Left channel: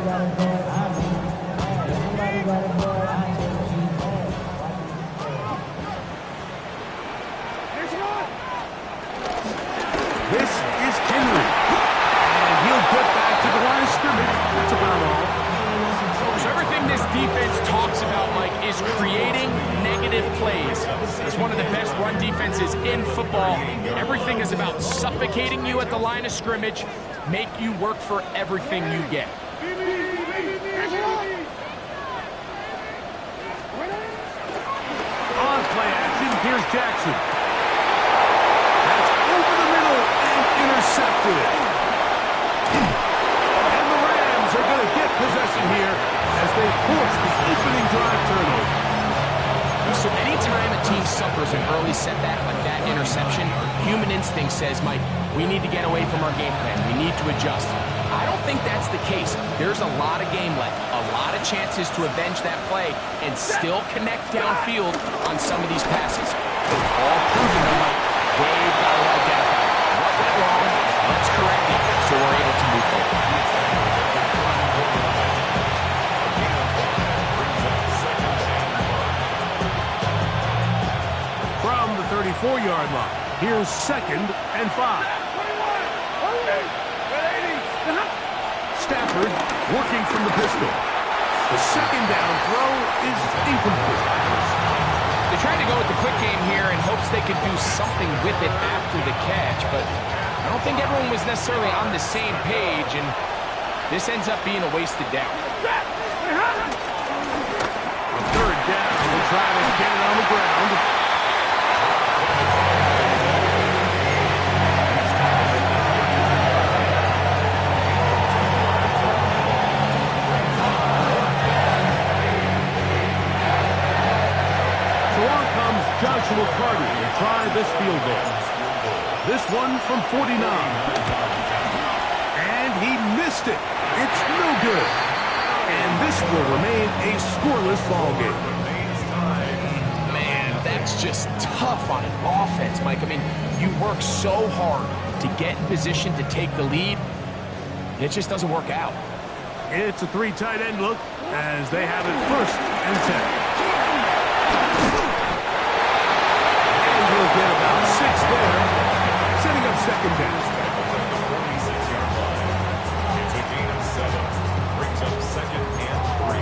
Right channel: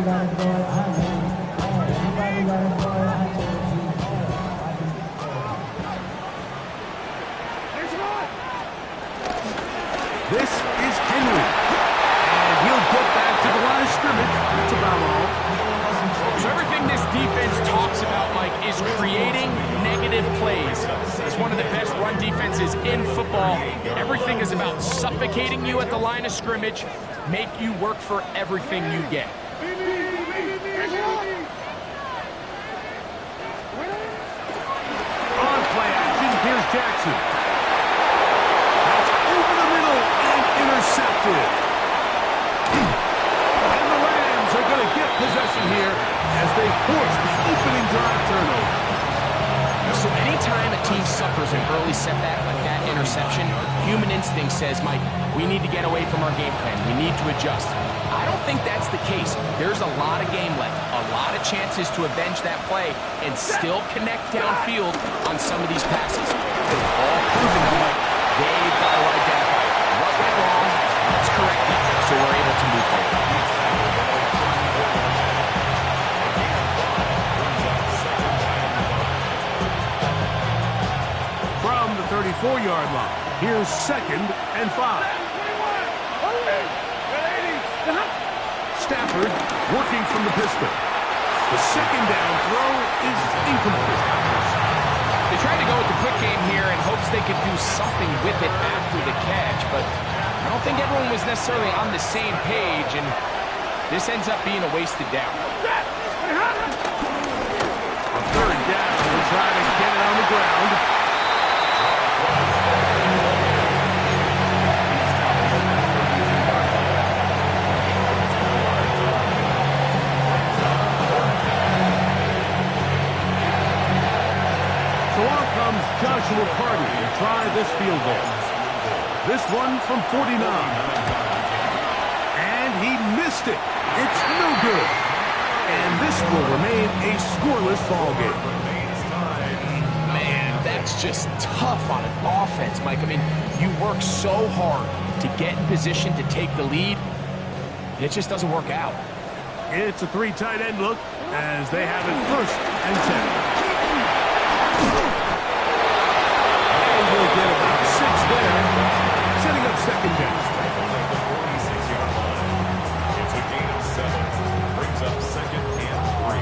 This is Henry. And he'll get back to the line of scrimmage. That's about all. So everything this defense talks about, Mike, is creating negative plays. It's one of the best run defenses in football. Everything is about suffocating you at the line of scrimmage, make you work for everything you get. On play action, here's Jackson. That's over the middle and intercepted. And the Rams are going to get possession here as they force the opening drive turnover. So anytime a team suffers an early setback like that interception, human instinct says, Mike, we need to get away from our game plan. We need to adjust. I don't think that's the case. There's a lot of game left, a lot of chances to avenge that play and still connect downfield on some of these passes. All proven though, Mike, they've got to identify what went wrong, let's correct it so we're able to move forward. From the 34-yard line, here's 2nd and 5. Stafford working from the pistol. The second down throw is incomplete. They tried to go with the quick game here in hopes they could do something with it after the catch, but I don't think everyone was necessarily on the same page, and this ends up being a wasted down. On 3rd down, we'll try to get it on the ground. So on comes Joshua Carter to try this field goal. This one from 49. And he missed it. It's no good. And this will remain a scoreless ball game. Man, that's just tough on an offense, Mike. I mean, you work so hard to get in position to take the lead. It just doesn't work out. It's a 3 tight end look as they have it 1st and 10. He'll get about 6 there, setting up 2nd down. At the 46-yard line. It's a gain of 7. Brings up 2nd and 3.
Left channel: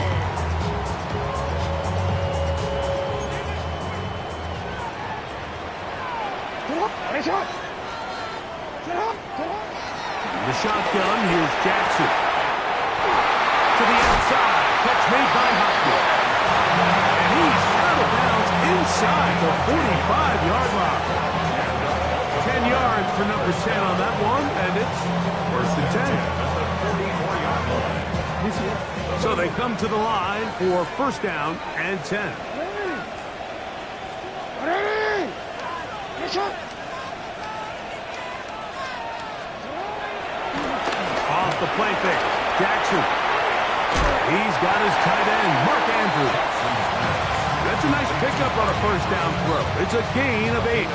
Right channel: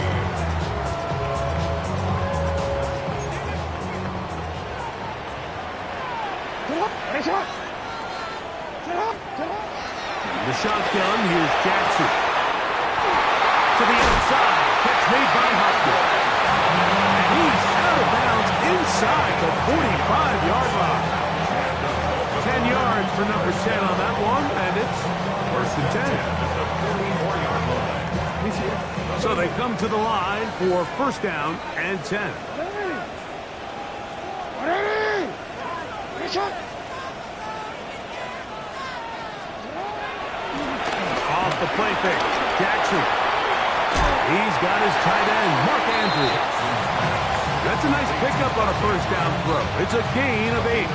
The shotgun, here's Jackson. To the outside, catch made by Hopkins. And he's out of bounds inside the 45-yard line. 10 yards for number 10 on that one, and it's 1st and 10. At the 44-yard line. So they come to the line for 1st down and 10. Off the play fake, Jackson. He's got his tight end, Mark Andrews. That's a nice pickup on a 1st down throw. It's a gain of 8.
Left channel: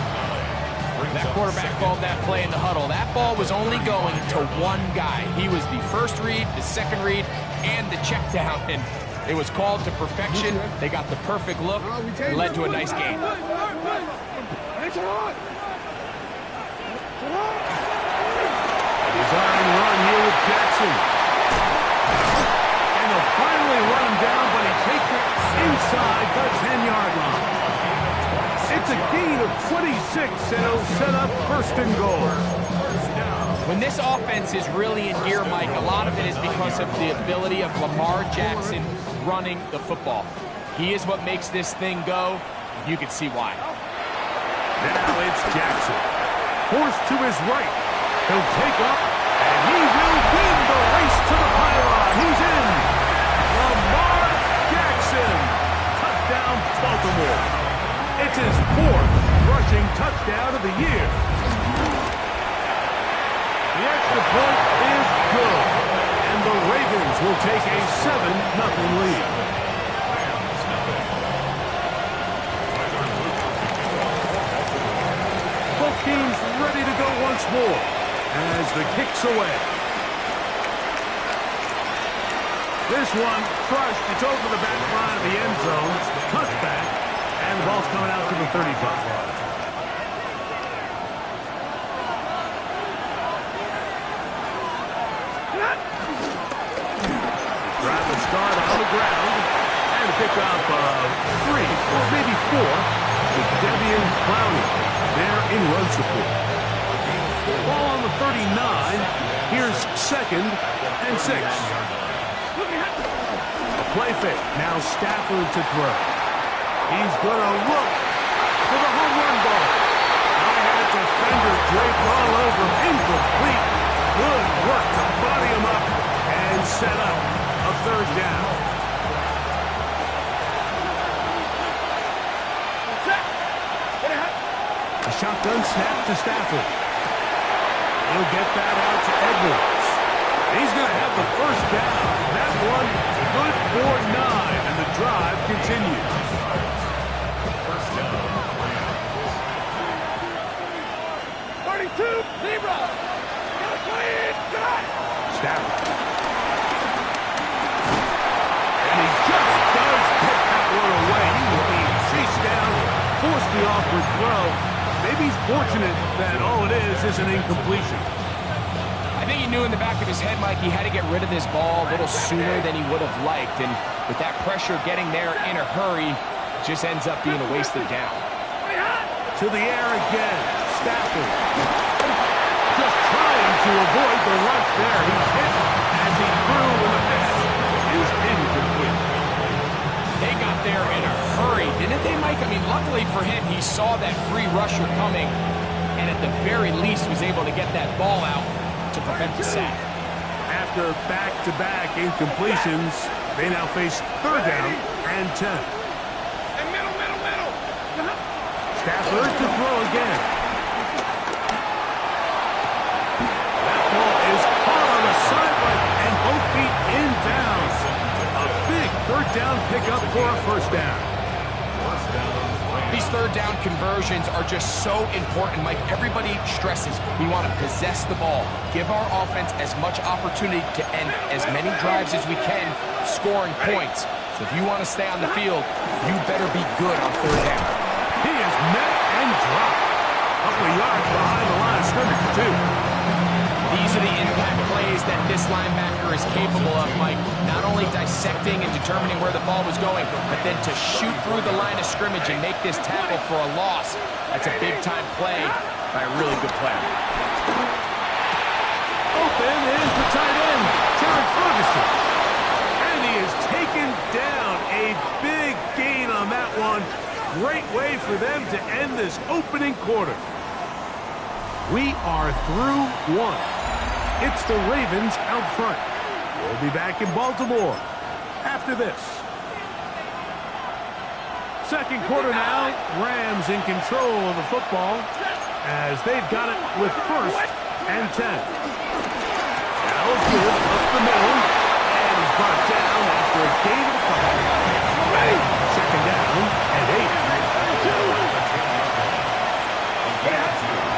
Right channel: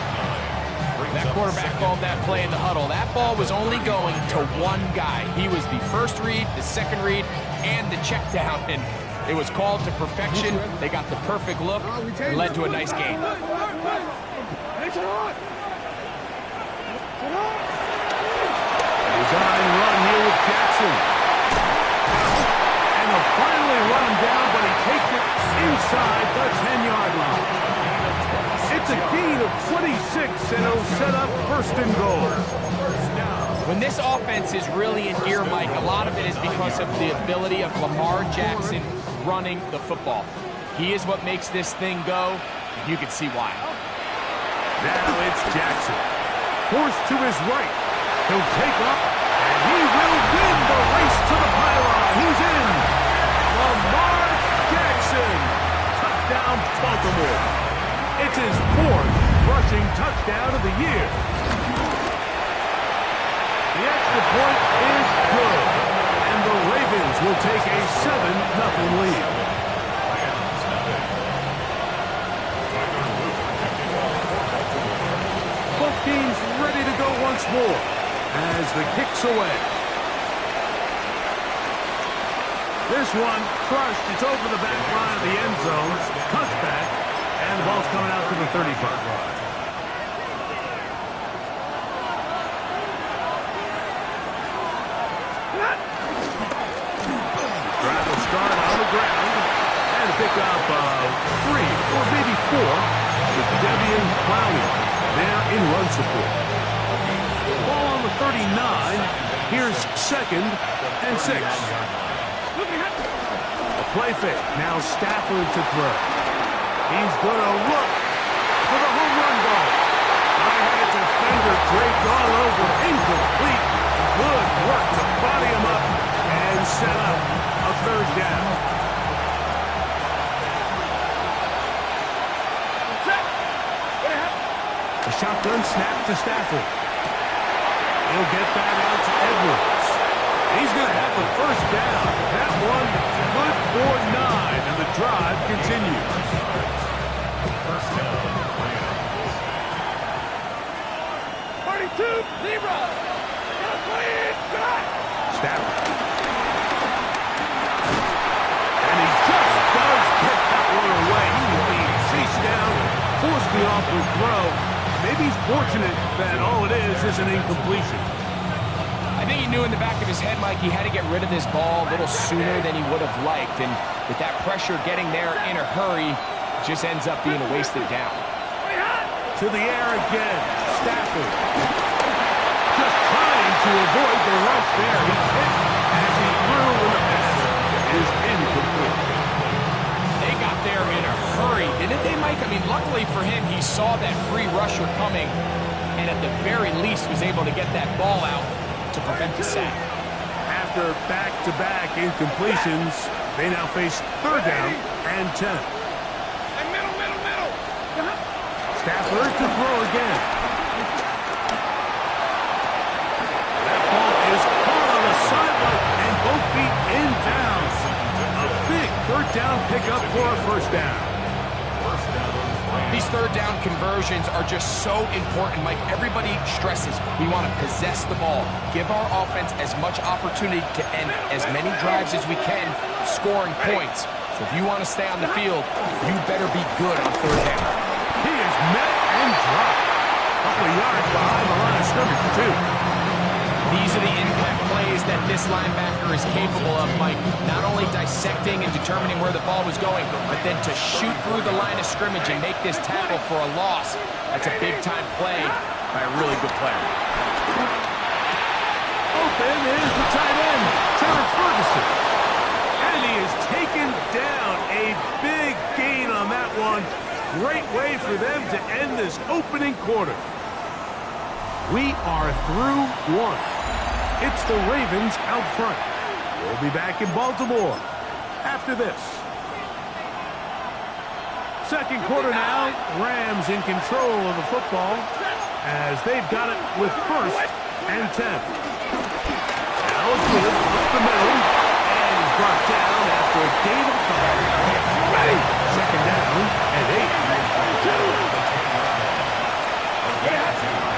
That quarterback called that play in the huddle. That ball was only going to one guy. He was the first read, the second read, and the check down. And it was called to perfection. They got the perfect look. It led to a nice gain. A design run here with Jackson. And they'll finally run him down, but he takes it inside the 10-yard line. It's a gain of 26, and it'll set up 1st and goal. When this offense is really in gear, Mike, a lot of it is because of the ability of Lamar Jackson running the football. He is what makes this thing go, and you can see why. Now it's Jackson. Forced to his right. He'll take up, and he will win the race to the pylon. He's in. Lamar Jackson. Touchdown, Baltimore. It's his 4th rushing touchdown of the year. The extra point is good, and the Ravens will take a 7-0 lead. Both teams ready to go once more as the kick's away. This one crushed. It's over the back line of the end zone. Touchback. And the ball's coming out to the 35. Drive will start on the ground and a pickup of 3 or maybe 4 with Devian Clowney there in run support. Ball on the 39. Here's 2nd and 6. A play fake. Now Stafford to throw. He's going to look for the home run ball. I had a defender draped all over. Incomplete. Good work to body him up and set up a 3rd down. A shotgun snap to Stafford. He'll get that out to Edwards. He's going to have the 1st down. That one good for 9, and the drive continues. 1st down, Rams. 32, Zebra. Stafford. And he just does get that one away. He was being chased down, forced the awkward throw. Maybe he's fortunate that all it is an incompletion. I think he knew in the back of his head, Mike, he had to get rid of this ball a little sooner than he would have liked. And with that pressure getting there in a hurry, it just ends up being a wasted down. To the air again. Stafford. Just trying to avoid the rush there. He's hit as he threw when the pass is incomplete. They got there in a hurry, didn't they, Mike? I mean, luckily for him, he saw that free rusher coming and at the very least was able to get that ball out to prevent the sack. After back-to-back incompletions, they now face 3rd down and 10. And middle. Stafford to throw again. That ball is caught on the sideline and both feet in bounds. A big 3rd down pickup for a 1st down. 1st down, Rams. These 3rd down conversions are just so important, Mike. Everybody stresses we want to possess the ball, give our offense as much opportunity to end as many drives as we can, scoring points. So if you want to stay on the field, you better be good on 3rd down. He is met and dropped. A couple of yards behind the line of scrimmage, too. These are the impact plays that this linebacker is capable of, Mike. Not only dissecting and determining where the ball was going, but then to shoot through the line of scrimmage and make this tackle for a loss. That's a big-time play by a really good player. Open is the tight end, Terrence Ferguson. And he is taken down. A big gain on that one. Great way for them to end this opening quarter. We are through 1. It's the Ravens out front. We'll be back in Baltimore after this. 2nd quarter now. Rams in control of the football as they've got it with 1st and 10. Now a give up the middle. And he's brought down after a gain of a couple. 2nd down and 8.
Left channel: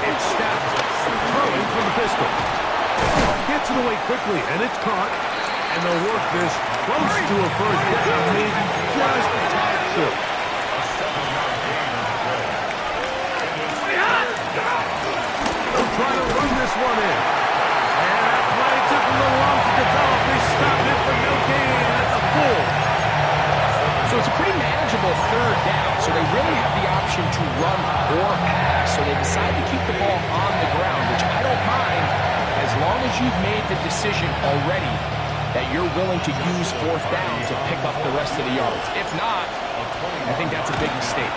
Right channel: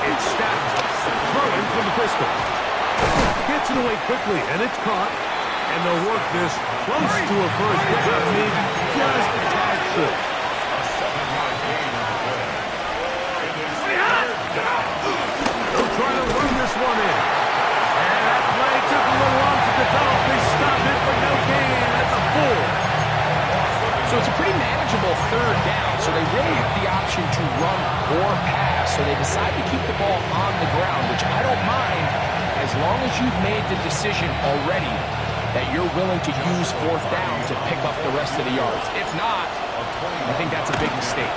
It's Stafford throwing from the pistol. Gets it away quickly, and it's caught. And they'll work this close to a 1st down, maybe just a tad short. A 7-yard gain on the play. They'll try to run this one in. And that play took a little long to develop. They stopped it for no gain. That's a full. So it's a pretty manageable 3rd down, so they really have the option to run or pass, so they decide to keep the ball on the ground, which I don't mind as long as you've made the decision already that you're willing to use 4th down to pick up the rest of the yards. If not, I think that's a big mistake.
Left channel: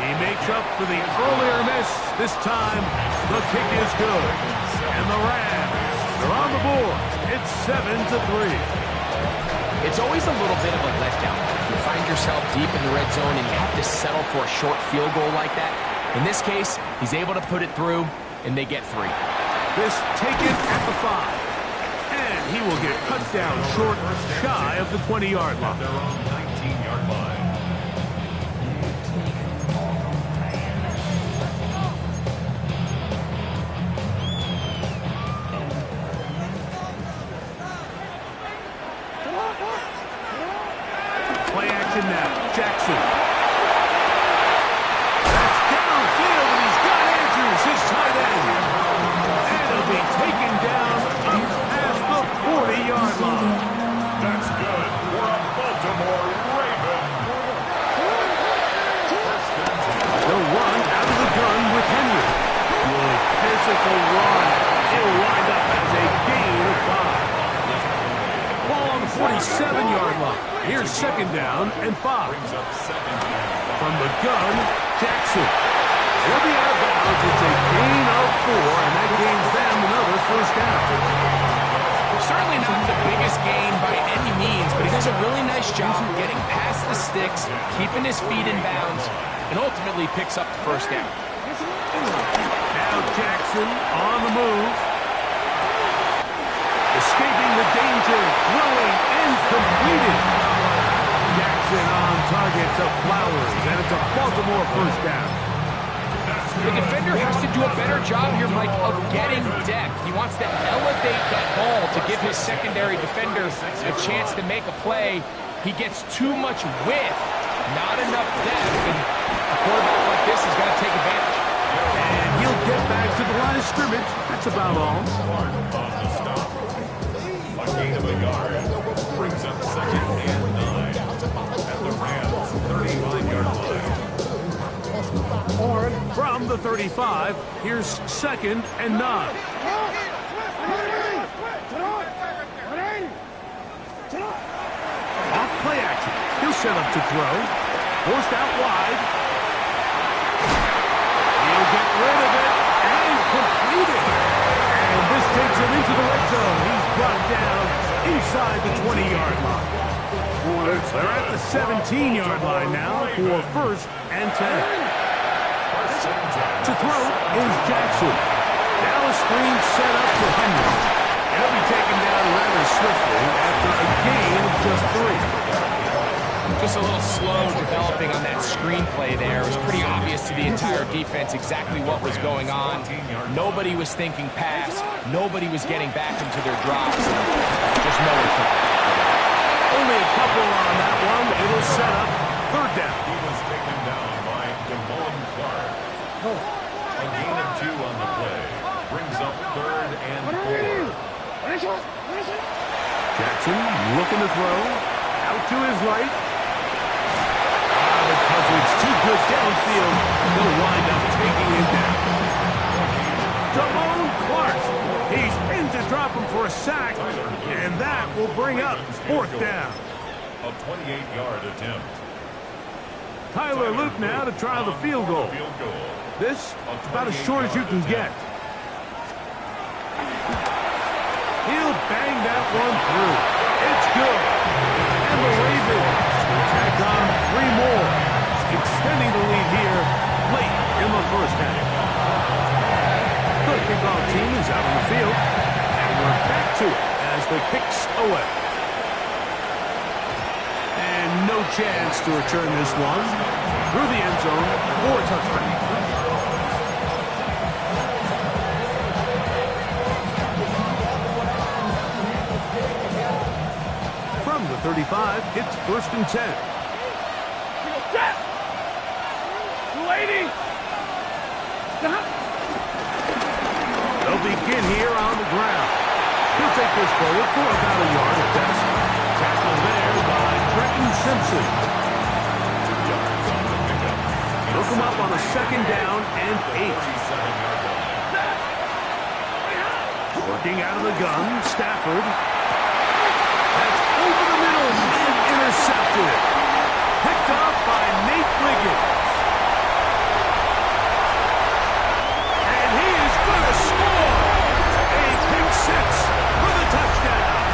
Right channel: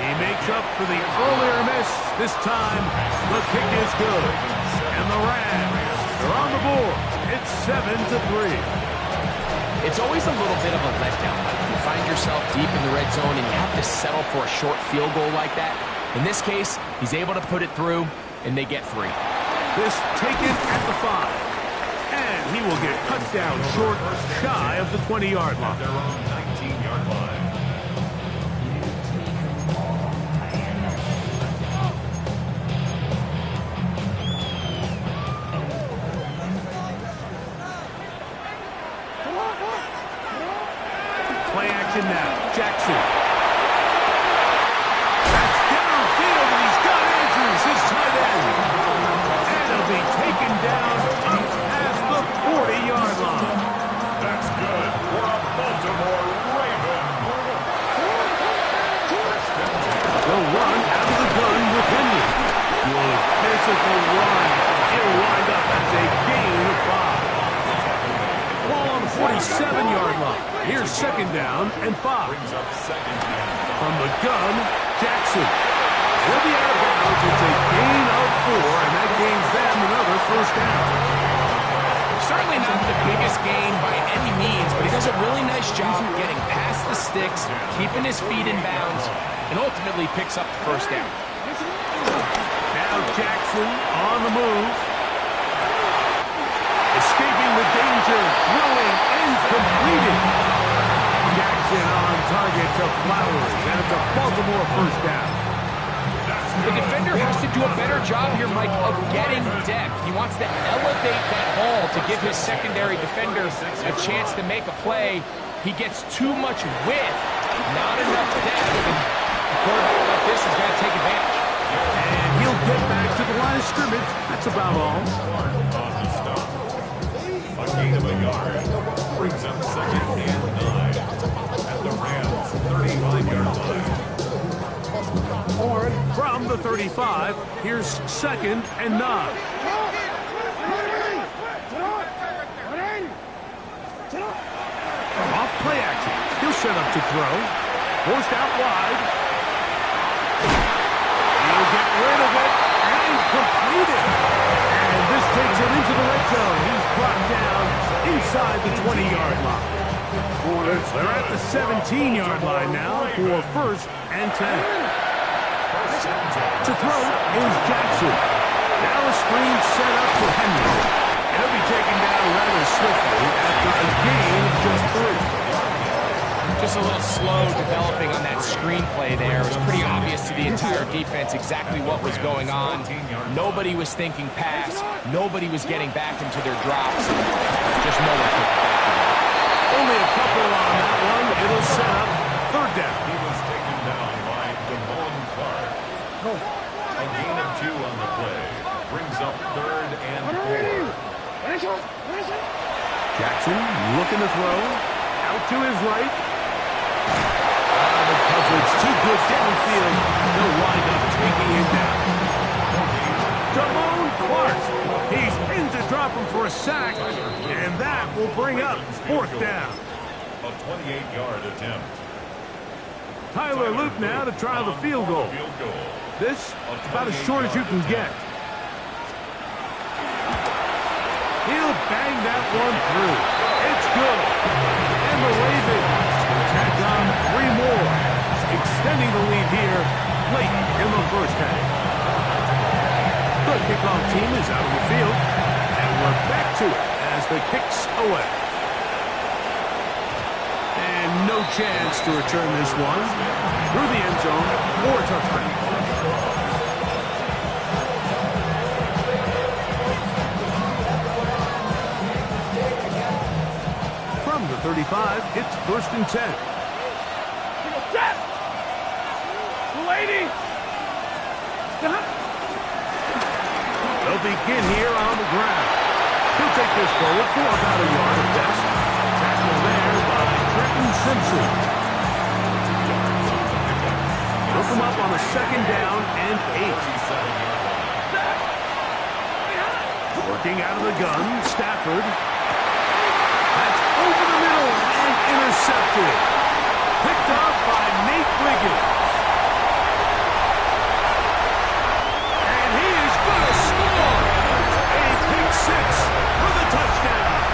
He makes up for the earlier miss. This time, the kick is good. And the Rams, they're on the board. It's 7-3. It's always a little bit of a letdown. You find yourself deep in the red zone and you have to settle for a short field goal like that. In this case, he's able to put it through, and they get 3. This taken at the 5. And he will get cut down short, shy of the 20-yard line. At their own 19-yard line. Come on. action now. Jackson. That's downfield, and he's got Andrews, his tight end. And he'll be taken down past the 40-yard line. That's good for a Baltimore Raven. They'll run out of the gun with Henry. Good physical run. It'll wind up as a gain of 5. Ball on the 47-yard line. Here's second down and 5. From the gun, Jackson. It'll be out of bounds. It's a gain of 4, and that gains them another first down. Certainly not the biggest gain by any means, but he does a really nice job getting past the sticks, keeping his feet in bounds, and ultimately picks up the first down. Now Jackson on the move. Escaping the danger, throwing, and completed. Jackson on target to Flowers, and it's a Baltimore first down. The defender has to do a better job here, Mike, of getting depth. He wants to elevate that ball to give his secondary defender a chance to make a play. He gets too much width, not enough depth, and a quarterback like this is going to take advantage. And he'll get back to the line of scrimmage. That's about all. On the stop. A gain of a yard brings up second and 9 at the Rams' 35-yard line. From the 35, here's second and 9. Off play action. He'll set up to throw. Forced out wide. He'll get rid of it and complete it. And this takes him into the red zone. He's brought down inside the 20-yard line. They're at the 17-yard line now for first and 10. To throw is Jackson. Now a screen set up to Henry. And he'll be taken down rather swiftly after a gain of just 3. Just a little slow developing on that screenplay there. It was pretty obvious to the entire defense exactly what was going on. Nobody was thinking pass. Nobody was getting back into their drops. Just no one took it back to them. Only a couple on that one. It'll set up third down. He was taken down by Damone Clark. A gain of 2 on the play brings up third and 4. Jackson looking to throw. Out to his right. The coverage too good downfield. They'll wind up taking him down. Damone Clark. He's in to drop him for a sack. And that will bring up fourth down. A 28-yard attempt. Tyler Luke now to try the field goal. This about as short as you can get. He'll bang that one through. It's good. And the Ravens tack on 3 more, extending the lead here late in the first half. The kickoff team is out on the field, and we're back to it as the kick's away. And no chance to return this one through the end zone for a touchdown. From the 35, it's first and 10. Set! 280! Stop! They'll begin here on the ground. He'll take this forward for about a yard at best. Tackle there by Trenton Simpson. 2 yards on the pickup. He'll come up on a second down and 8. 37-yard line. Working out of the gun, Stafford. That's over the middle and intercepted. Picked up by Nate Wiggins. And he is going to score. A pick 6 for the touchdown.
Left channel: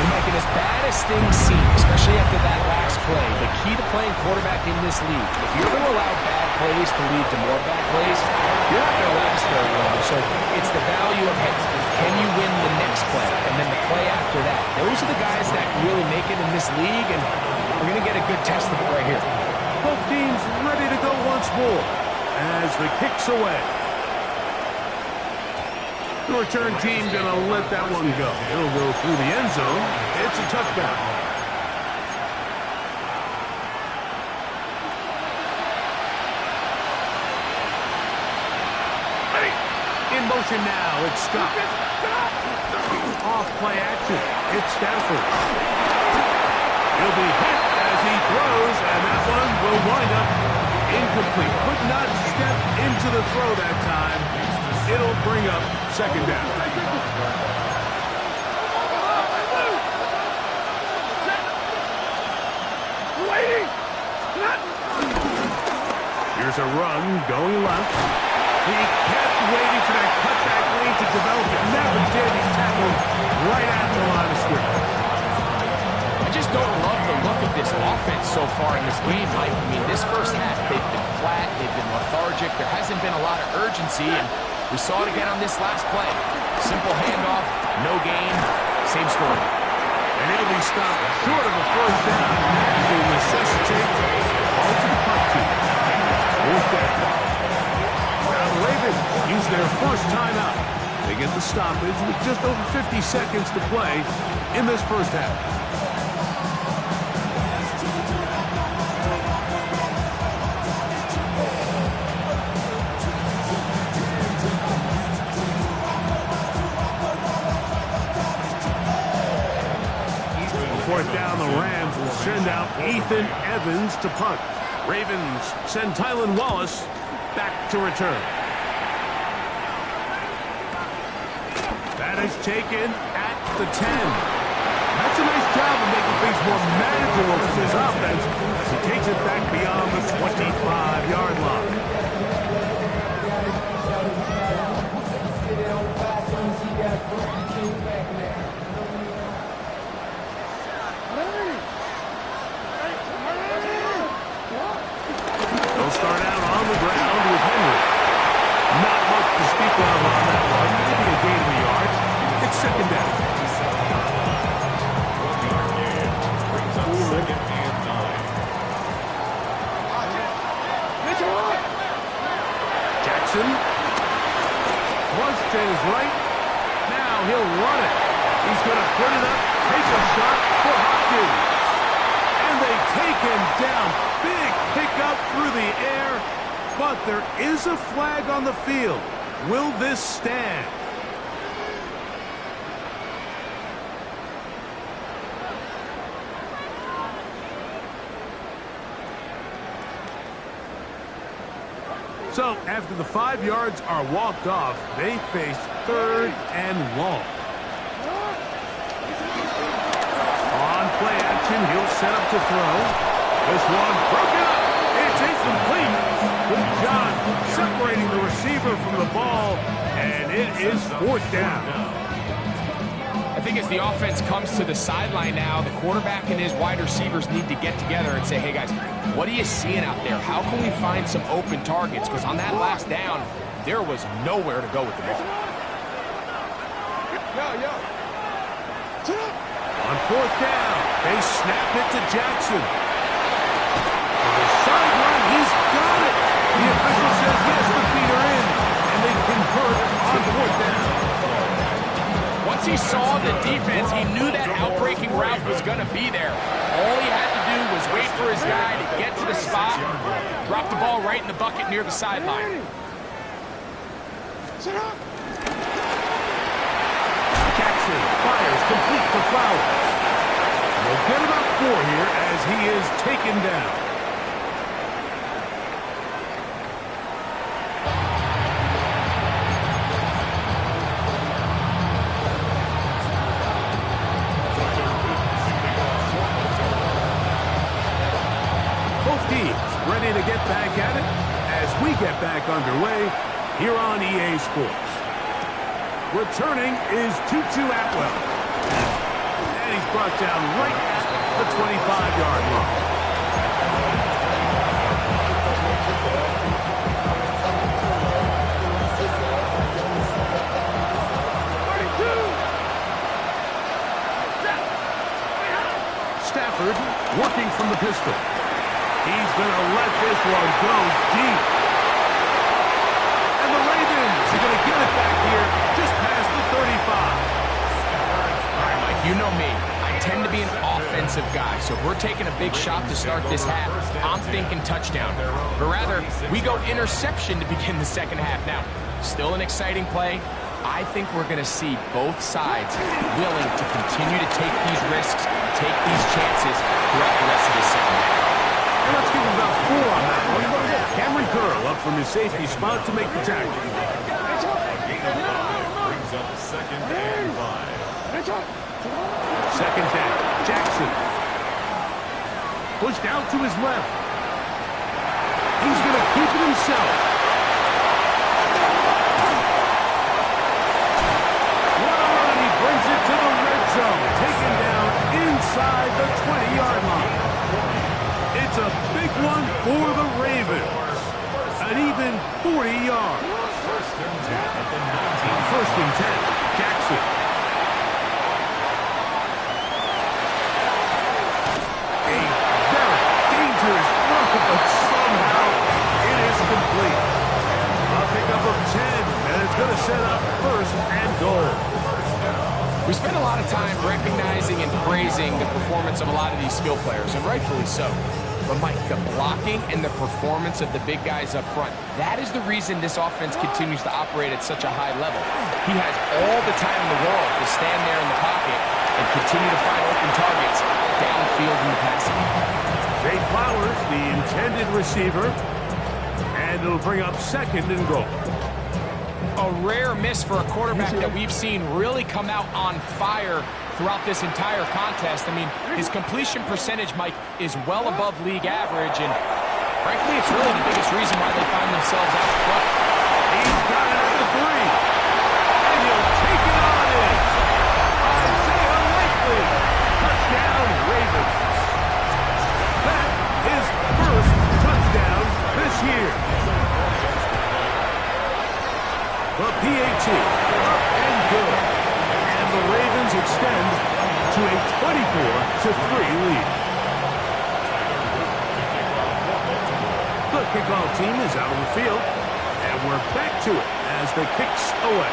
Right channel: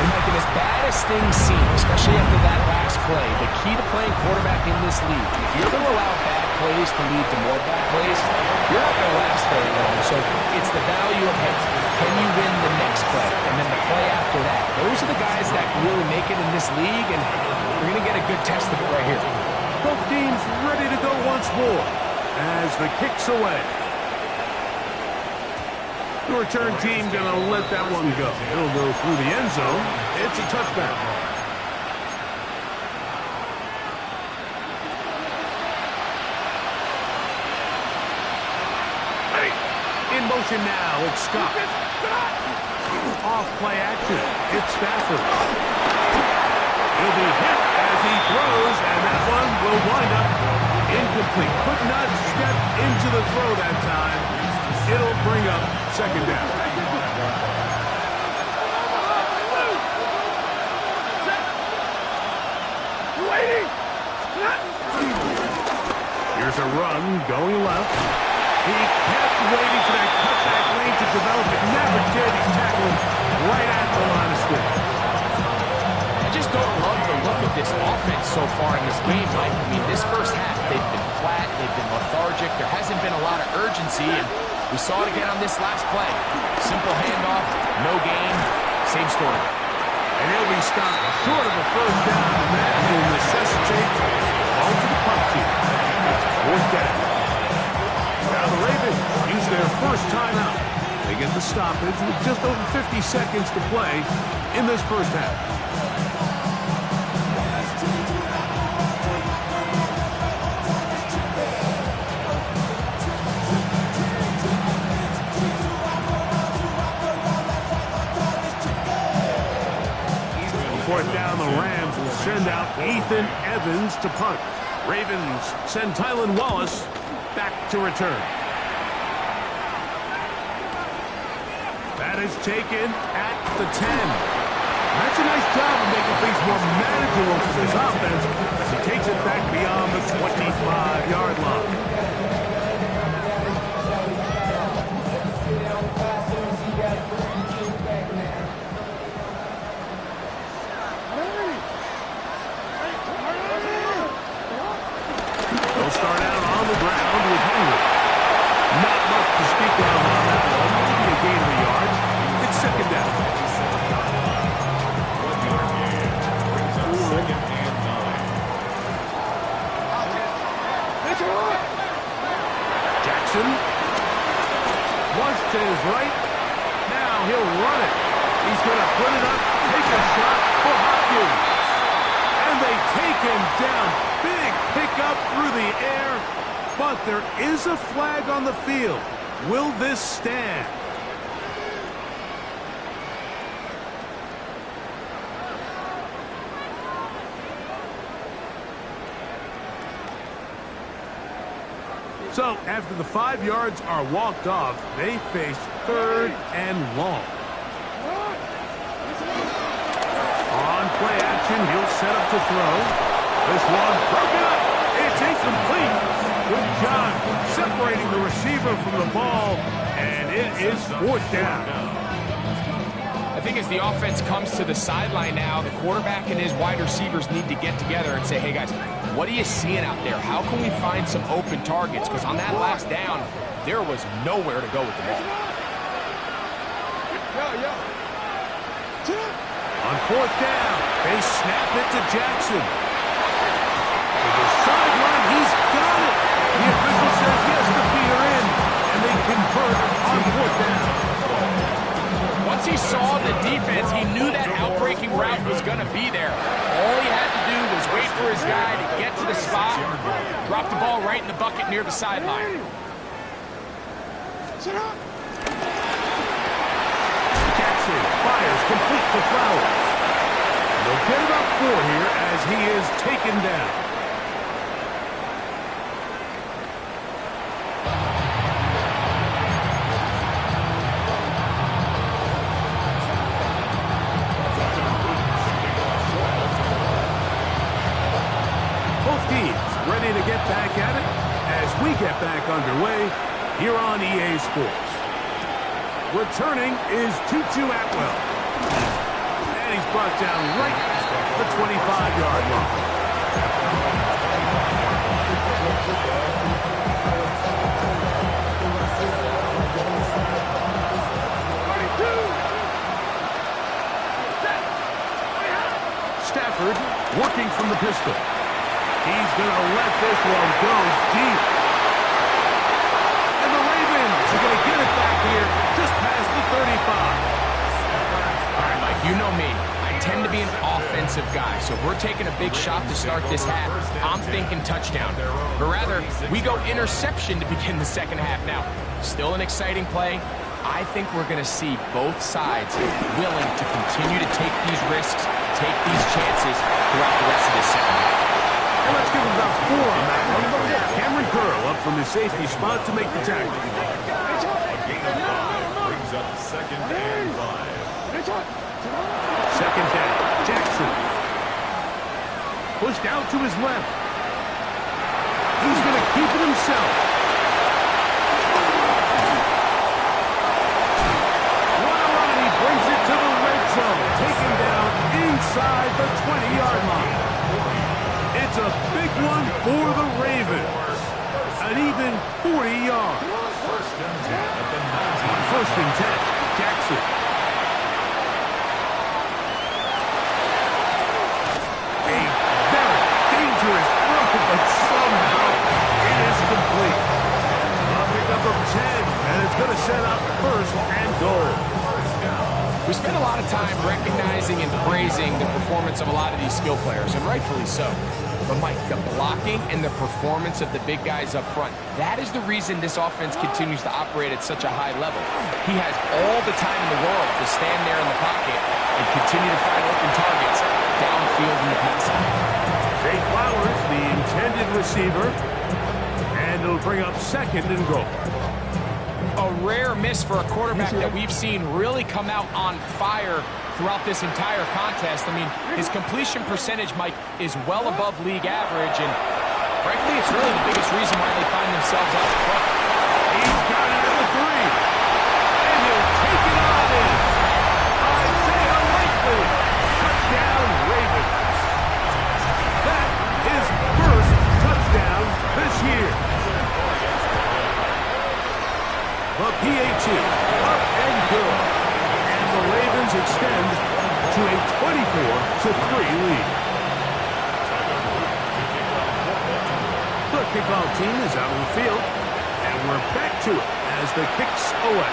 And Mike, as bad as things seem, especially after that last play, the key to playing quarterback in this league, if you're going to allow bad plays to lead to more bad plays, you're not going to last very long. So it's the value of, hey, can you win the next play and then the play after that? Those are the guys that really make it in this league, and we're going to get a good test of it right here. Both teams ready to go once more as the kick's away. The return team going to let that one go. It'll go through the end zone. It's a touchback. in motion now. It's Scott. Off play action. It's Stafford. He'll be hit as he throws, and that one will wind up incomplete. Could not step into the throw that time. It'll bring up second down. Here's a run going left. He kept waiting for that cutback lane to develop. It never did. He's tackled right at the line of scrimmage. I just don't love the look of this offense so far in this game, Mike. I mean, this first half, they've been flat, they've been lethargic. There hasn't been a lot of urgency, and we saw it again on this last play. Simple handoff, no gain, same story. And he'll be stopped short of a first down, and that will necessitate ball to the punt team. Fourth down. Now the Ravens use their first timeout. They get the stoppage with just over 50 seconds to play in this first half. Fourth down, the Rams will send out Ethan Evans to punt. Ravens send Tylan Wallace back to return. That is taken at the 10. That's a nice job of making things more manageable for this offense as he takes it back beyond the 25-yard line. They'll start out on the ground with Henry. Not much to speak of on that one. Maybe a gain of a yard. It's second down. 1-yard gain. Brings up second and 9. Jackson. Flush to his right. Now he'll run it. He's going to put it up, take a shot for Hopkins. And they take him down. Big pickup through the air, but there is a flag on the field. Will this stand? So, after the 5 yards are walked off, they face third and long. On play action, he'll set up to throw. This one broken up. It's incomplete. Good job separating the receiver from the ball, and it is fourth down. I think as the offense comes to the sideline now, the quarterback and his wide receivers need to get together and say, hey, guys, what are you seeing out there? How can we find some open targets? Because on that last down, there was nowhere to go with the ball. On fourth down, they snap it to Jackson. To the sideline, he's got it. The official says, yes, the feet are in, and they convert on fourth down. Once he saw the defense, he knew that outbreaking route was going to be there. All he had to do was wait for his guy to get to the spot, drop the ball right in the bucket near the sideline. Jackson fires complete to Flowers. They'll get about 4 here as he is taken down. Both teams ready to get back at it as we get back underway here on EA Sports. Returning is Tutu Atwell. And he's brought down right at the 25-yard line. Stafford working from the pistol. He's going to let this one go deep. And the Ravens are going to get it back here just past the 35. All right, Mike, you know me. I tend to be an offensive guy, so if we're taking a big shot to start this half, I'm thinking touchdown. But rather, we go interception to begin the second half. Now, Still an exciting play. I think we're going to see both sides willing to continue to take these risks, take these chances throughout the rest of this second half. And let's give him about 4 on that one. Cameron Curl up from his safety spot to make the tackle. A gain of 5 brings up 2nd and 5. Second down, Jackson. Pushed out to his left. He's going to keep it himself. What a run. He brings it to the red zone. Taken down inside the 20-yard line. It's a big one for the Ravens. An even 40 yards. First and 10 at the 19. On 1st and 10, Jackson. A very dangerous throw, but somehow it is complete. A pickup of 10, and it's going to set up 1st and goal. We spend a lot of time recognizing and praising the performance of a lot of these skill players, and rightfully so. But, Mike, the blocking and the performance of the big guys up front, that is the reason this offense continues to operate at such a high level. He has all the time in the world to stand there in the pocket and continue to find open targets downfield in the passing. Zay Flowers, the intended receiver, and it'll bring up 2nd and goal. A rare miss for a quarterback that we've seen really come out on fire throughout this entire contest. I mean, his completion percentage, Mike, is well above league average, and frankly, it's really the biggest reason why they find themselves out front. He's got it at the 3, and he'll take it on in. Isaiah Likely, touchdown Ravens. That is 1st touchdown this year. The PAT up and good. And the Ravens extend to a 24-3 lead. The kickoff team is out on the field, and we're back to it as the kick's away.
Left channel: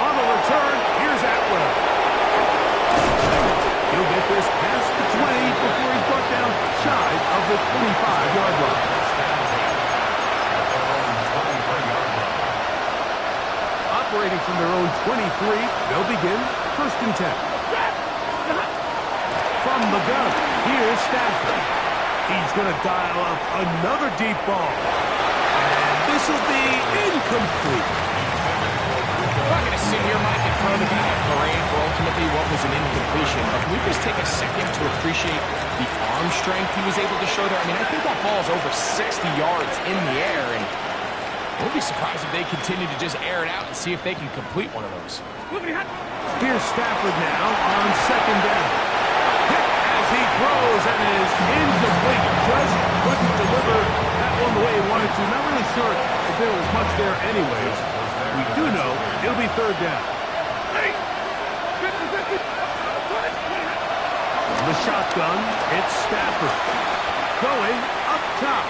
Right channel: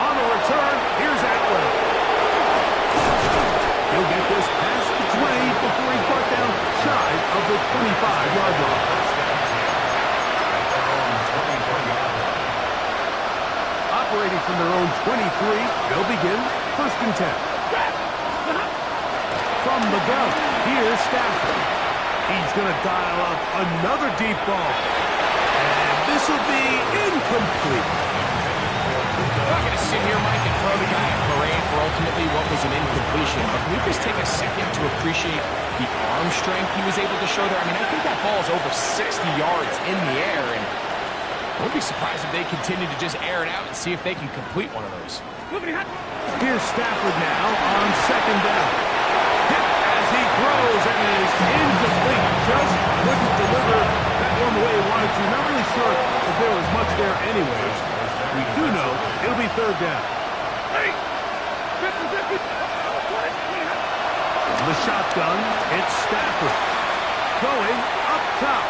On the return, here's Atwell. He'll get this past the 20 before he's brought down shy of the 25-yard line. Operating from their own 23, they'll begin 1st and 10. From the gun, here's Stafford. He's going to dial up another deep ball. And this will be incomplete. I'm not going to sit here, Mike, and throw the guy a parade for ultimately what was an incompletion, but can we just take a second to appreciate the arm strength he was able to show there? I mean, I think that ball is over 60 yards in the air, and I won't be surprised if they continue to just air it out and see if they can complete one of those. Here's Stafford now on 2nd down. Hit as he throws, and it is incomplete. Just couldn't deliver that one the way he wanted to. Not really sure if there was much there anyways. We do know it'll be 3rd down. From the shotgun, it's Stafford. Going up top.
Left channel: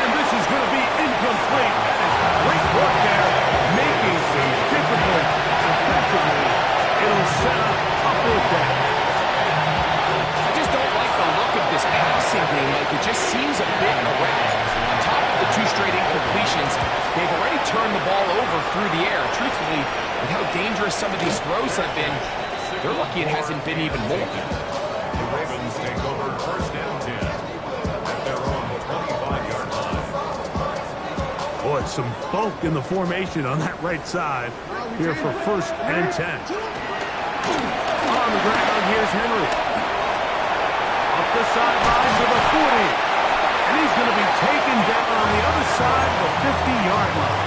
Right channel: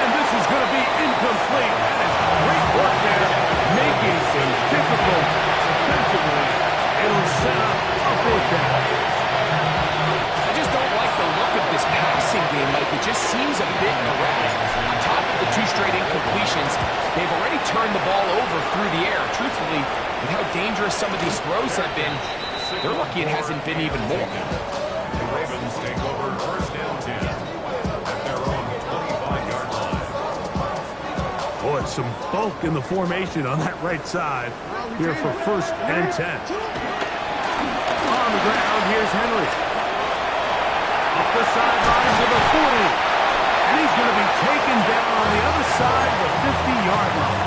And this is going to be incomplete. That is great work there, making things difficult defensively. It'll set up a 4th down. I just don't like the look of this passing game, Mike. It just seems a bit erratic. On top of the 2 straight incompletions, they've already turned the ball over through the air. Truthfully, with how dangerous some of these throws have been, they're lucky it hasn't been even more. The Ravens take over 1st and 10 at their own 25-yard line. Boy, some bulk in the formation on that right side here for 1st and 10. On the ground, here's Henry. Up the sideline to the 40. And he's going to be taken down on the other side of the 50-yard line.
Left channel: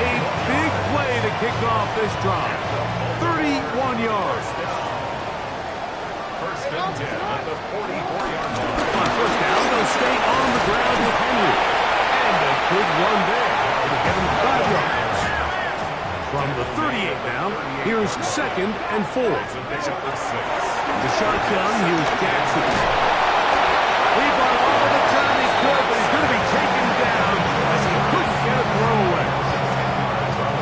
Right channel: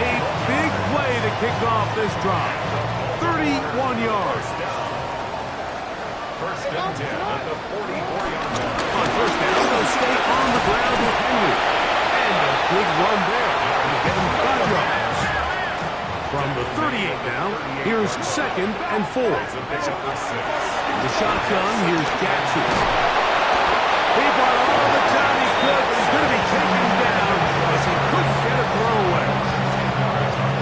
A big play to kick off this drive. 31 yards. 1st and 10 at the 44-yard line. On 1st down, they'll stay on the ground with Henry. And a big run there to get him 5 yards. From the 38 now, here's 2nd and 4. The shotgun, here's Jackson. He bought all the time he could, but he's going to be taken down as he couldn't get a throwaway.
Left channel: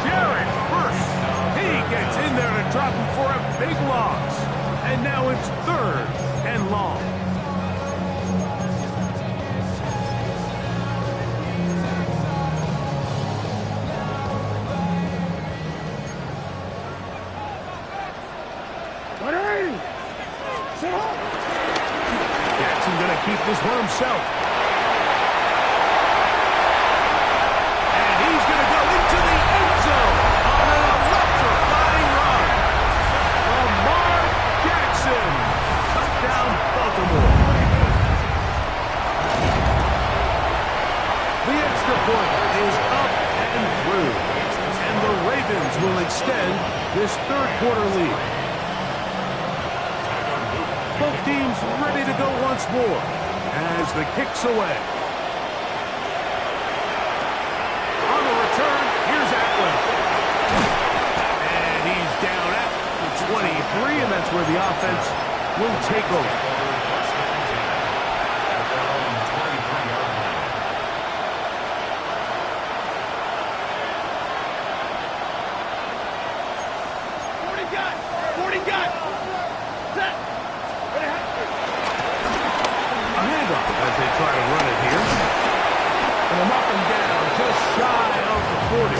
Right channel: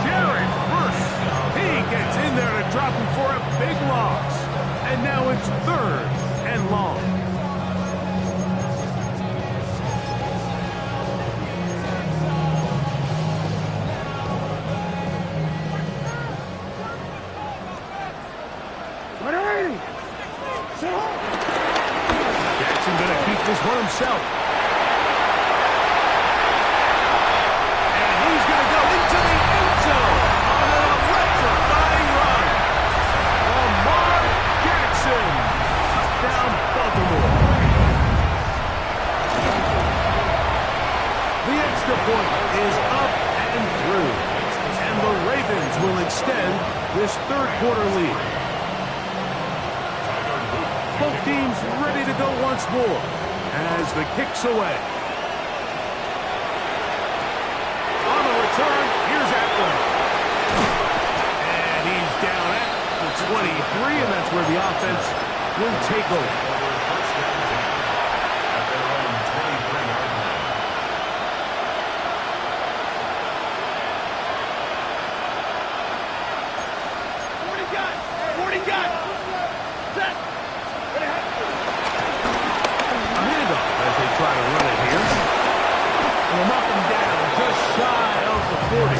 Jared first. He gets in there to drop him for a big loss. And now it's 3rd and long. Jackson going to keep this one himself. And he's going to go into the end zone on an electrifying run. Lamar Jackson. Touchdown, Baltimore. The extra point is up and through. And the Ravens will extend this third quarter lead. Both teams ready to go once more as the kick's away. On the return, here's Atwell. And he's down at the 23, and that's where the offense will take over. First down 10 at their own 23-yard line. A handoff as they try to run it here. And they'll knock him down just shy of the 40.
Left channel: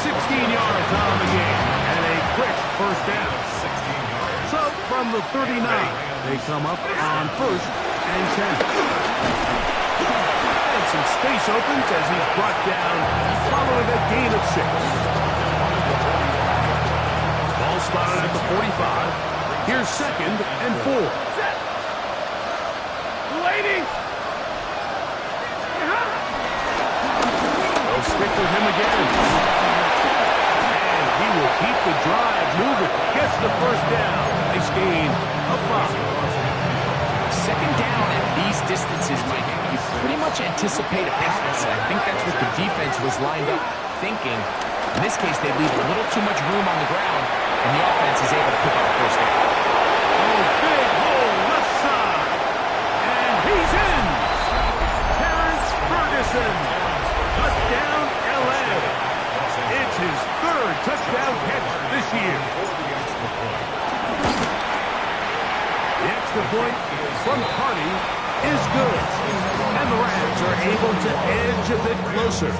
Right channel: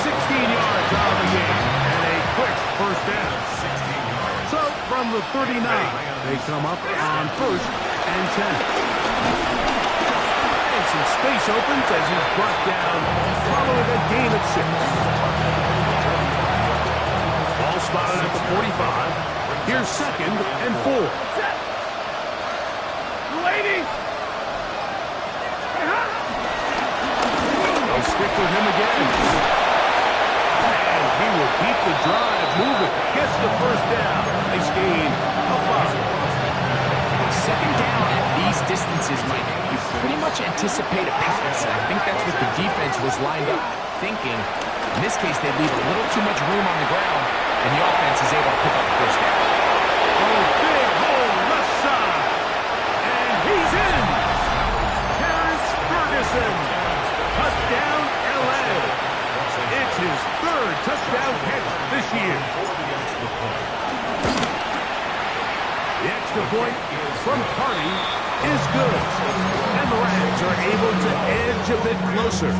16 yards on the game and a quick first down. 16 yards. So from the 39, they come up on 1st and 10. And some space opens as he's brought down following a gain of 6. Ball spotted at the 45. Here's 2nd and 4. Lady! They'll stick with him again. And he will keep the drive moving. Gets the first down. Nice gain of 5. Second down at these distances, Mike, you pretty much anticipate a pass, and I think that's what the defense was lined up thinking. In this case, they leave a little too much room on the ground, and the offense is able to pick up the first down. Oh, big hole left side. And he's in. Terrence Ferguson. Touchdown, L.A. It's his 3rd touchdown catch this year. The extra point from Carney is good. And the Rams are able to edge a bit closer.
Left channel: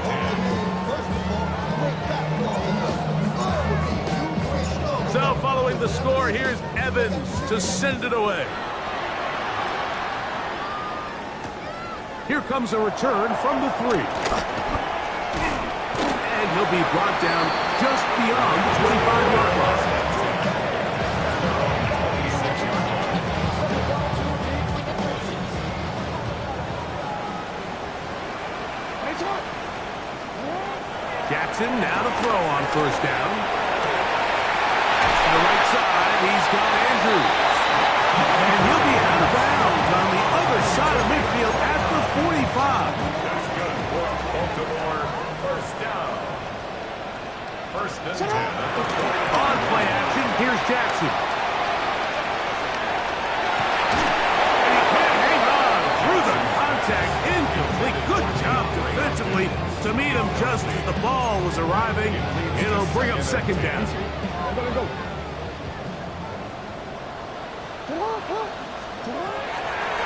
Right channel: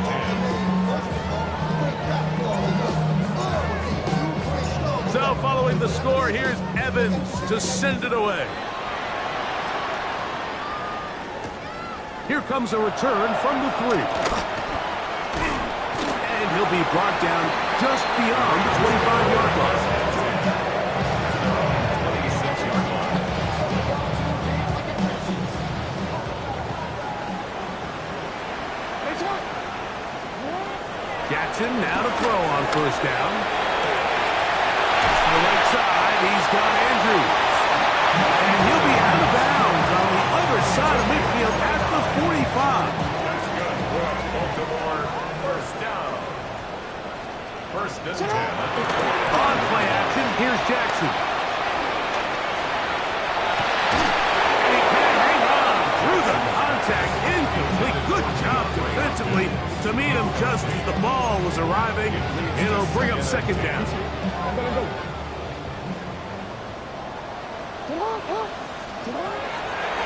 So following the score, here's Evans to send it away. Here comes a return from the 3. And he'll be brought down just beyond the 25-yard line. Jackson now to throw on 1st down. To the right side, he's got Andrews. And he'll be out of bounds on the other side of midfield at the 45. That's good for Baltimore. First down. 1st and 10 at the 40. On play action, here's Jackson. And he can't hang on through the contact. Incomplete. Good job defensively to meet him just as the ball was arriving. It'll bring up 2nd down.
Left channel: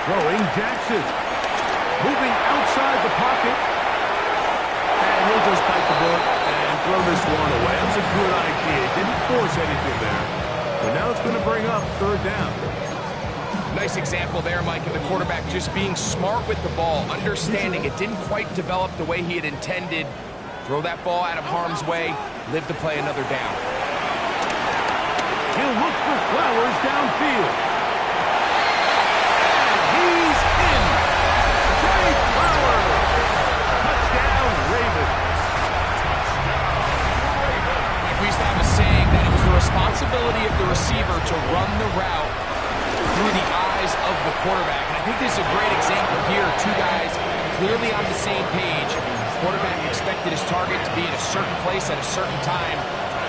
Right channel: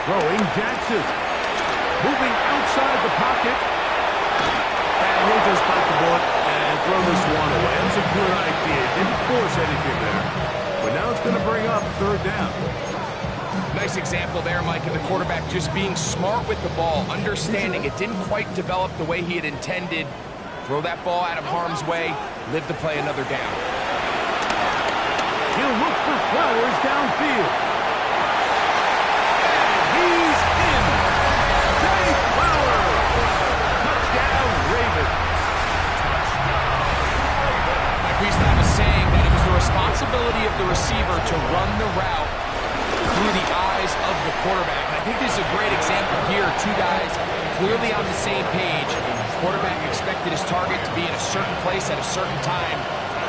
Throwing Jackson. Moving outside the pocket. And he'll just bite the bullet and throw this one away. That was a good idea. Didn't force anything there. But now it's going to bring up 3rd down. Nice example there, Mike, of the quarterback just being smart with the ball, understanding it didn't quite develop the way he had intended. Throw that ball out of harm's way, live to play another down. He'll look for Flowers downfield. And he's in. Jay Flowers. Touchdown, Ravens. Mike, we used to have a saying that it was the responsibility of the receiver to run the route through the eyes of the quarterback. And I think this is a great example here. 2 guys clearly on the same page. Quarterback expected his target to be in a certain place at a certain time.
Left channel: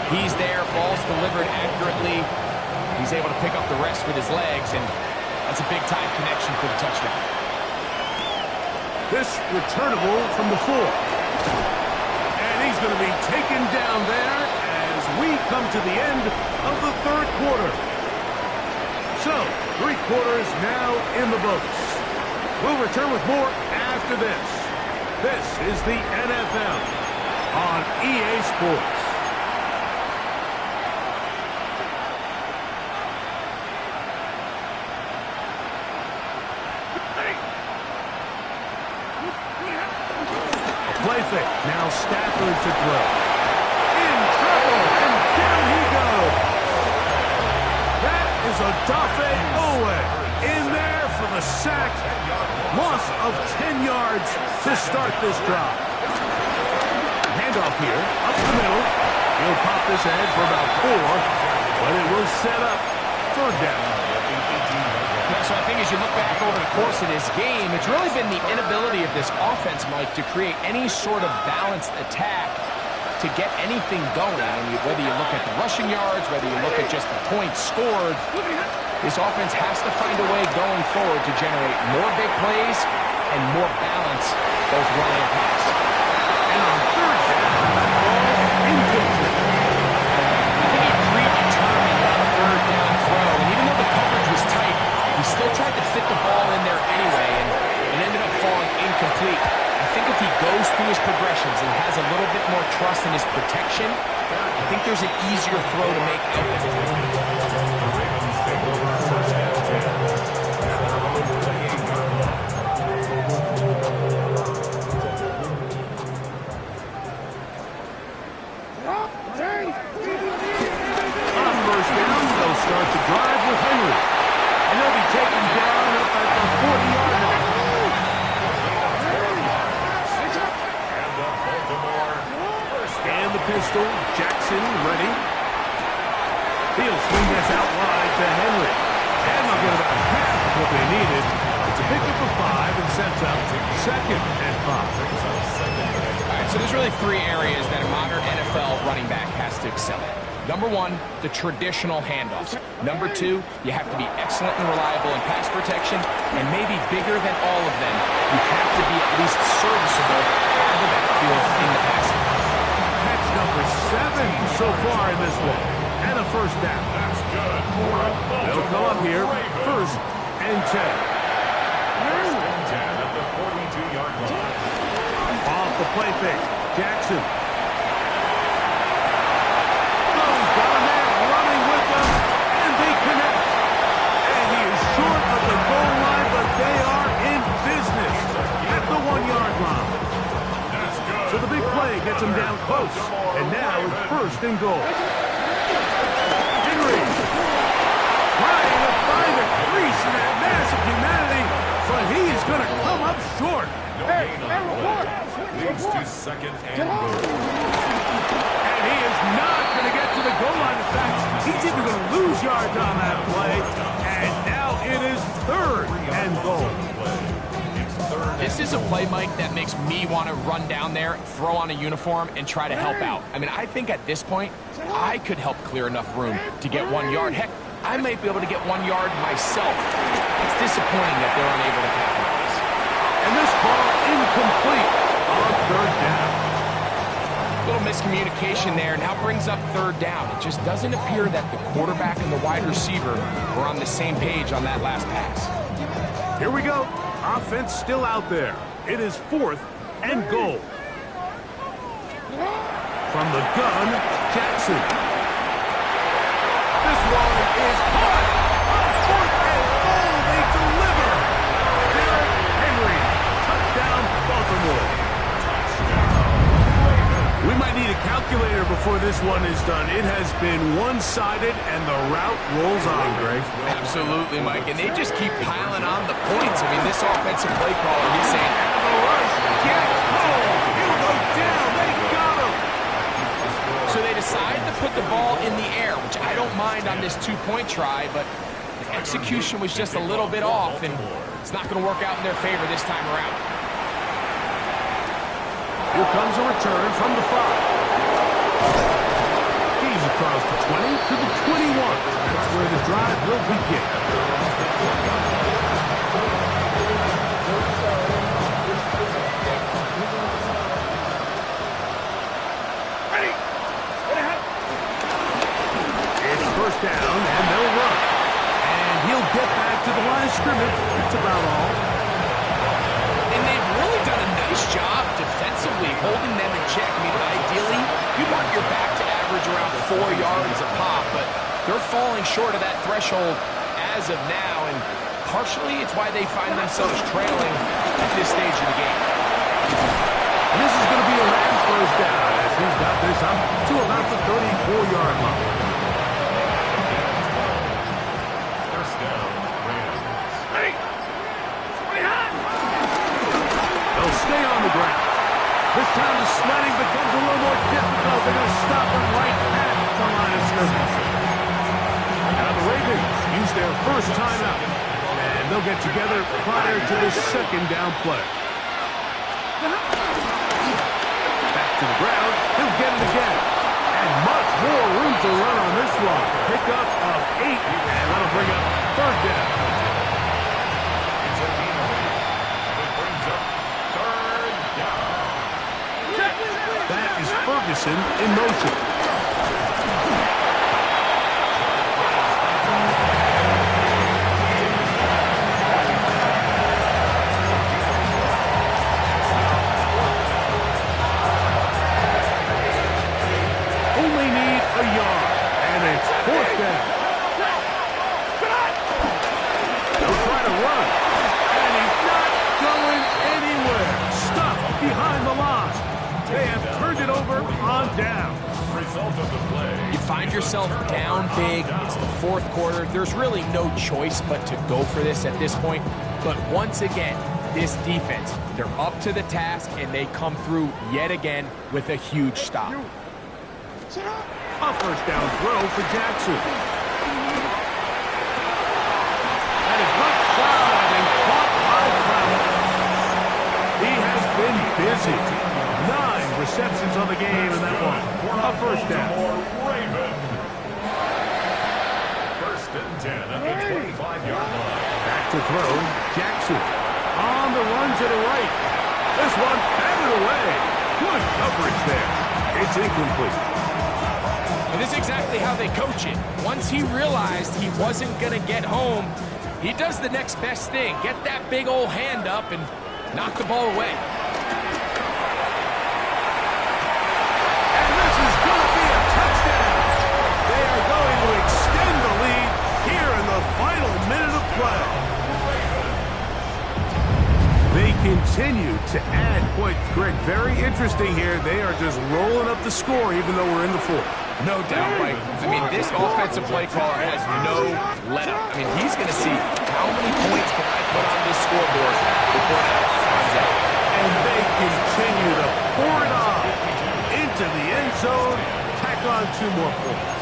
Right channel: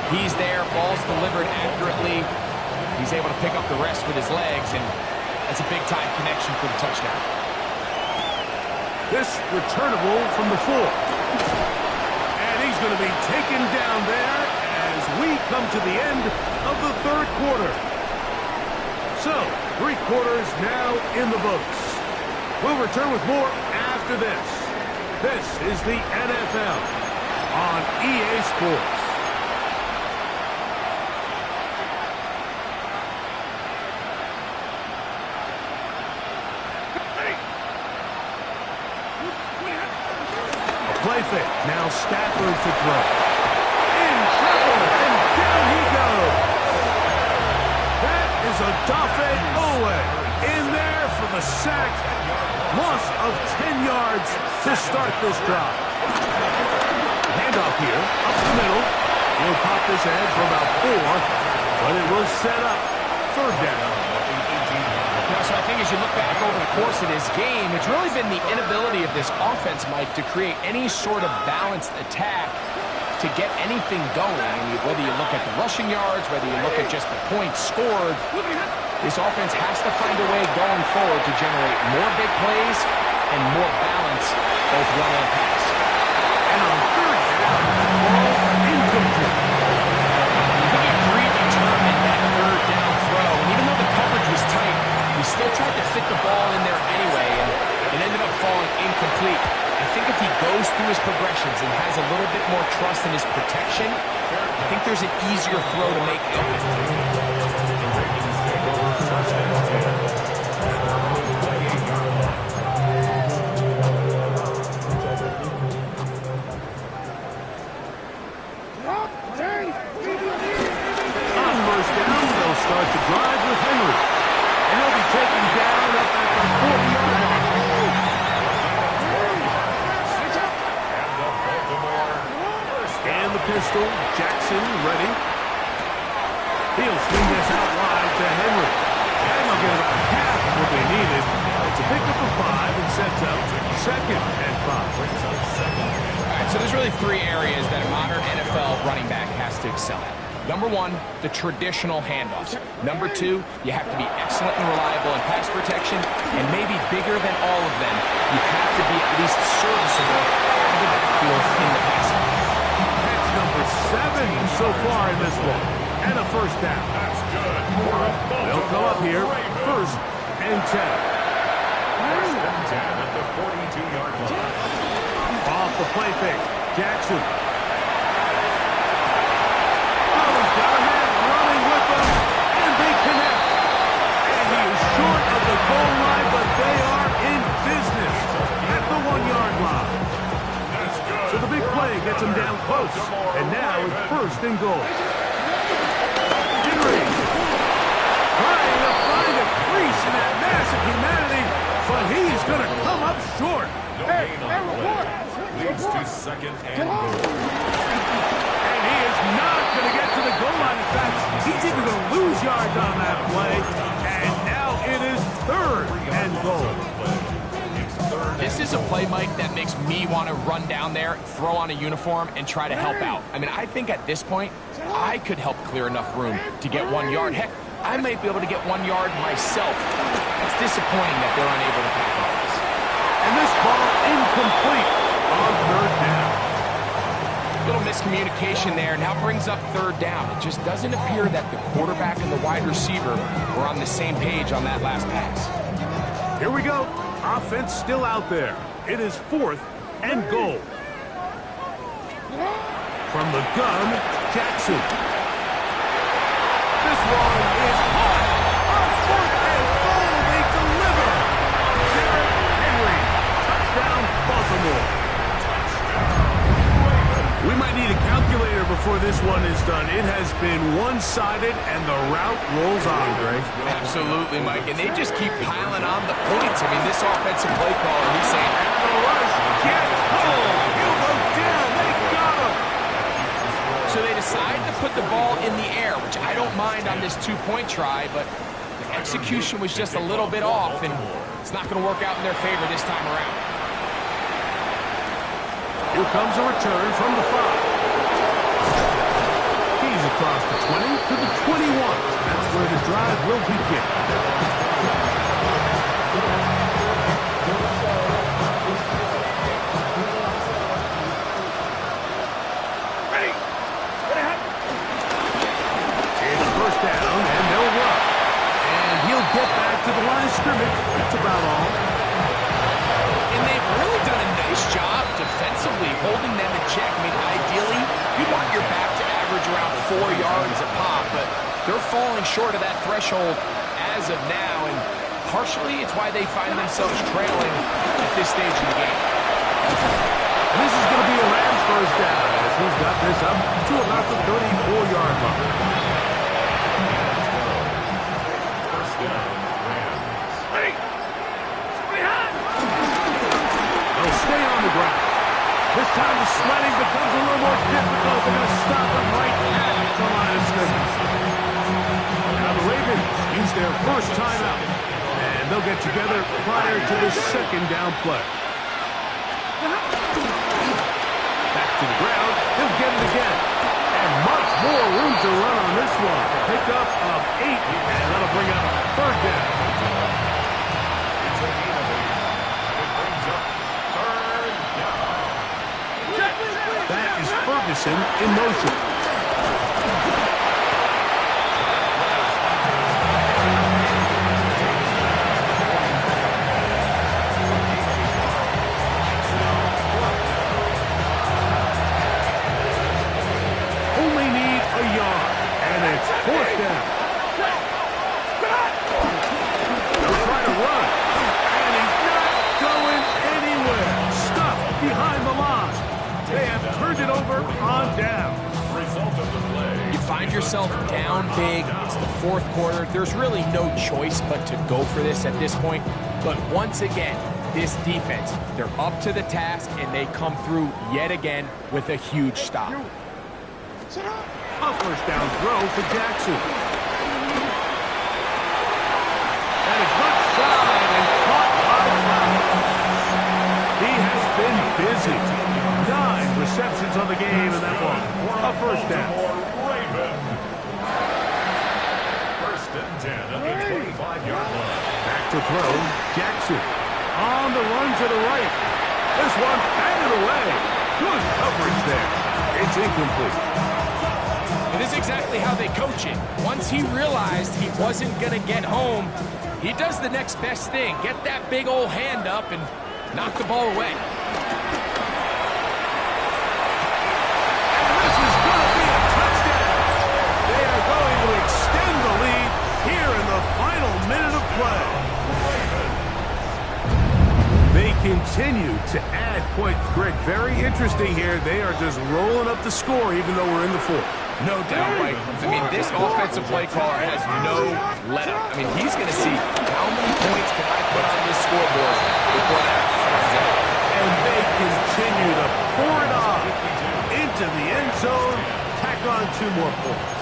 He's there, ball's delivered accurately. He's able to pick up the rest with his legs, and that's a big-time connection for the touchdown. This returnable from the 4. And he's going to be taken down there as we come to the end of the 3rd quarter. So, 3 quarters now in the books. We'll return with more after this. This is the NFL on EA Sports. A play fake. Now Stafford to throw. In trouble, and down he goes. That is a Odafe Oweh in there for the sack. Loss of 10 yards to start this drive. Handoff here, up the middle. He'll pop this ahead for about 4, but it will set up third down. So I think as you look back over the course of this game, it's really been the inability of this offense, Mike, to create any sort of balanced attack to get anything going. And whether you look at the rushing yards, whether you look at just the points scored, this offense has to find a way going forward to generate more big plays and more balance, both run and pass. And on third down, that ball incomplete. I think he predetermined that third down throw, and even though the coverage was tight, he still tried to fit the ball in there anyway, and it ended up falling incomplete. I think if he goes through his progressions and has a little bit more trust in his protection, I think there's an easier throw to make out there. The Ravens take over first and 10 at their own 28-yard line. On first down, they'll start the drive with Henry. And he'll be taken down up at the 40-yard line. And the pistol, Jackson ready. He'll swing this out wide to Henry. And they'll get about half of what they needed. It's a pickup of 5 and sets up second and 5. All right, so there's really 3 areas that a modern NFL running back has to excel at. Number 1, the traditional handoffs. Number 2, you have to be excellent and reliable in pass protection. And maybe bigger than all of them, you have to be at least serviceable out of the backfield in the passing. Catch number 7 so far in this one. And a first down. That's good. They'll go up here, first and 10. First and 10 at the 42-yard line. Off the play fake, Jackson. Oh, he's got a man running with them, and they connect. And he is short of the goal line, but they are in business at the 1-yard line. That's good. So the big play gets him down close, and now it's first and goal. Henry trying to find a crease in that mass of humanity, but he is going to come up short. No gain on the play. Leads to second and goal. And he is not going to get to the goal line. In fact, he's even going to lose yards on that play. And now it is third and goal. This is a play, Mike, that makes me want to run down there, throw on a uniform, and try to help out. I mean, I think at this point, I could help clear enough room to get 1 yard. Heck, I might be able to get 1 yard myself. It's disappointing that they're unable to capitalize. And this ball incomplete on third down. Little miscommunication there. Now brings up third down. It just doesn't appear that the quarterback and the wide receiver were on the same page on that last pass. Here we go. Offense still out there. It is fourth and goal. From the gun, Jackson. This one is caught. On fourth and goal, they deliver. Derrick Henry. Touchdown, Baltimore. We might need a calculator before this one is done. It has been one-sided, and the route rolls on, Greg. Absolutely, Mike. And they just keep piling on the points. I mean, this offensive play caller, he's saying, And the rush gets home. He'll go down. They got him. so they decide to put the ball in the air, which I don't mind on this 2-point try, but the execution was just a little bit off, and it's not going to work out in their favor this time around. Here comes a return from the 5. He's across the 20 to the 21. That's where the drive will begin. Ready. Get ahead. It's first down, and they'll run. And he'll get back to the line of scrimmage. That's about all. And they've really done a nice job defensively holding them in check. I mean, ideally, you want your back to average around 4 yards a pop, but they're falling short of that threshold as of now, and partially it's why they find themselves trailing at this stage of the game. first down as he's got this up to about the 34-yard line. First down, Rams. Ready. Somebody hot. They'll stay on the ground. This time the sledding becomes a little more difficult. They're going to stop them right at the line of scrimmage. Now the Ravens use their first timeout, and they'll get together prior to the second down play. Back to the ground. He'll get it again. And much more room to run on this one. Pickup of 8, and that'll bring up third down. It's a gain of 8. It brings up third down. That is Ferguson in motion. Only need a yard, and it's fourth down. They'll try to run, and he's not going anywhere. Stuffed behind the line. They have turned it over on down. Result of the play. You find yourself down big. It's the fourth quarter. There's really no choice but to go for this at this point. But once again, this defense, they're up to the task, and they come through yet again with a huge stop. A first down throw for Jackson. That is left side and caught by Brown. He has been busy. 9 receptions on the game in that one. A first down. Raven. First and 10 at the 25-yard line. Back to throw. Jackson on the run to the right. This one batted away. Good coverage there. It's incomplete. It is exactly how they coach it. Once he realized he wasn't going to get home, he does the next best thing. Get that big old hand up and knock the ball away. And this is going to be a touchdown. They are going to extend the lead here in the final minute of play. They continue to add points. Greg, very interesting here. They are just rolling up the score even though we're in the fourth. No doubt, Mike. I mean, this offensive play caller has no let-up. I mean, he's going to see how many points can I put on this scoreboard before that clock runs out. And they continue to pour it on into the end zone. Tack on 2 more points.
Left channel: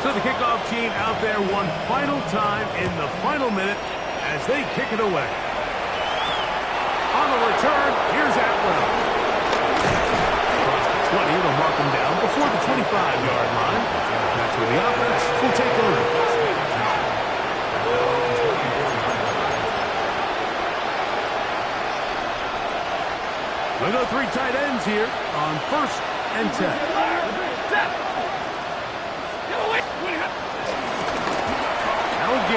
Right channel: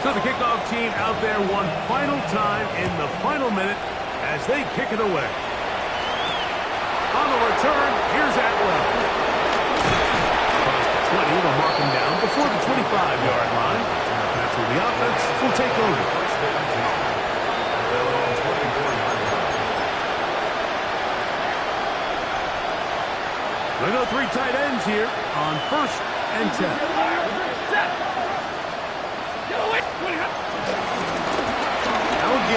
So the kickoff team out there one final time in the final minute as they kick it away. On the return, here's Atwell. Across the 20, they'll mark him down before the 25-yard line. That's where the offense will take over. They go 3 tight ends here on first and 10. Now again.